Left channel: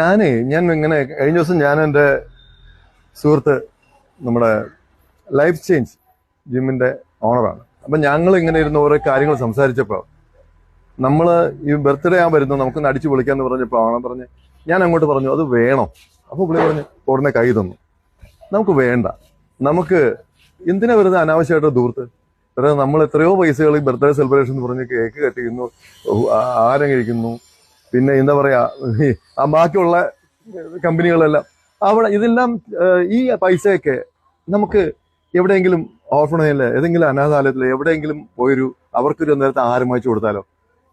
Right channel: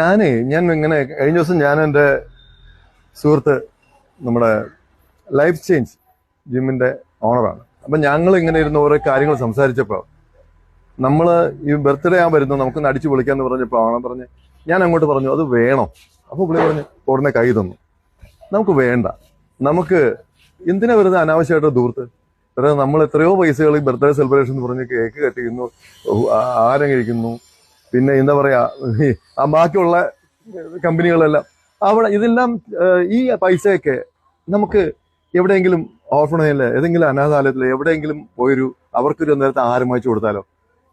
ഞാൻ ഇങ്ങനെ കഴിഞ്ഞ ദിവസം ഞാൻ എൻ്റെ സുഹൃത്ത് നമ്മുടെ ലൈഫ് ചേഞ്ച് ജിമ്മിന്റെ ഓണറാണ്. അപ്പൊ ഞങ്ങൾ ഇങ്ങനെ ഇരുന്ന് ഓരോ കാര്യങ്ങൾ സംസാരിച്ചപ്പോൾ ഈ ബർത്ത്ഡേ വരുന്നു നമുക്കൊന്ന് അടിച്ചു പൊളിക്കാന്ന് പറഞ്ഞപ്പോൾ അവൻ പറഞ്ഞ് ഞാൻ അങ്ങോട്ട് പറഞ്ഞു അത് വേണം. അപ്പൊ പുള്ളി പറഞ്ഞു ഉടനെ കൈ തന്നു. നമുക്ക് വേണ്ട, നമുക്ക് എന്തിനാ വെറുതെ അനാവശ്യമായിട്ട് ദൂർത്ത് വെറുതെ നമ്മൾ എത്രയോ പൈസകൾ ഈ ബർത്ത്ഡേ സെലിബ്രേഷൻ എന്ന് പറഞ്ഞ് കേക്ക് കട്ടിക്കുന്നു, ആഹാരം കഴിക്കുന്നു, പിന്നെ എന്താ പറയാ ആ ബാക്കിയുള്ള കമ്പനികളെല്ലാം അവിടെ ഇതെല്ലാം ഈ പൈസയൊക്കെ നമുക്ക് എവിടെയെങ്കിലും ഓർഫണേജില് ഏതെങ്കിലും അനാഥാലയത്തിൽ എവിടെയെങ്കിലും പോയൊരു അവർക്കൊരു നേരത്തെ ആഹാരം വാങ്ങിച്ചു കൊടുത്താലോ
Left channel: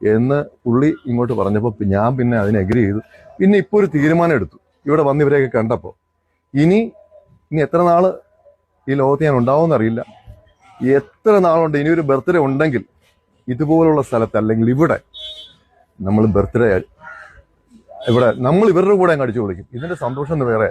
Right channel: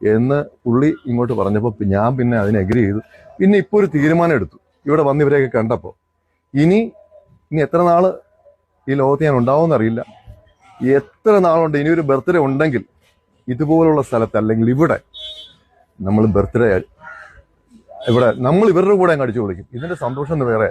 എന്ന് പുള്ളി ഇങ്ങോട്ട് പറഞ്ഞപ്പോൾ ഞാൻ പിന്നെ അതിന് അഗ്രി ചെയ്തു. പിന്നെ ഇപ്പോൾ ഒരു തീരുമാനം എടുത്തു. ഇവിടെ വന്ന് ഇവരെയൊക്കെ കണ്ടപ്പോൾ ഇനി എത്ര നാള് ഈ ലോകത്ത് ഞാൻ ഉണ്ടാവുമെന്നറിയില്ല. എത്ര നാളുണ്ട് ഇനി ഒരു ബർത്ത്ഡേ ഉണ്ടെങ്കിൽ ഇതുപോലുള്ള സ്ഥലത്ത് അല്ലെങ്കിൽ ഇവിടെ നമ്മൾ ബർത്ത്ഡേ ഇവിടെ നമ്മൾ ഇവരുടെ കൂടെ അങ്ങ് അടിച്ചു പൊളിക്കും. ഇതിന്റെ സന്തോഷം വേറെ.